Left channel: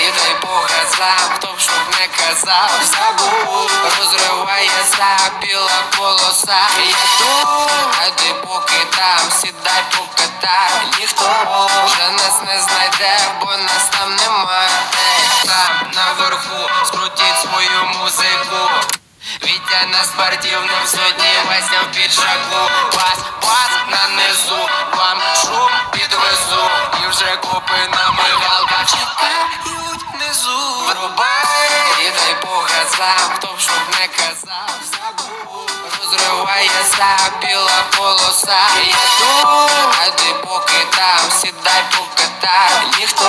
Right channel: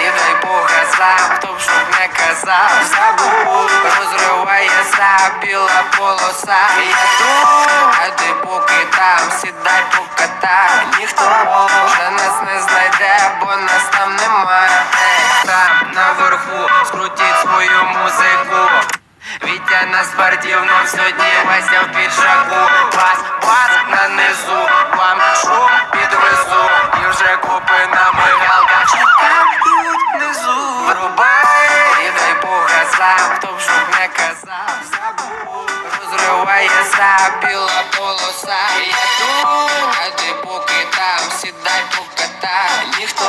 І дай Бога сам, хто б щоб не казав, забув, розриває сам біла полоса. Я тут, а ти поки там, сідай поката, ніхто вже нас не знайде, бо нас там немає. Е, там наверху скрутіть свою музику. Вітя на спортивному сьогодні Вася в піджаку, бас, бас на низу, вам купи на мигалках чекають внизу? Врубай, і дай Бога газам, хто б щоб не казав, забув. Розривається біла полоса. Я тут, а ти поки там, сідай покатай Ніхто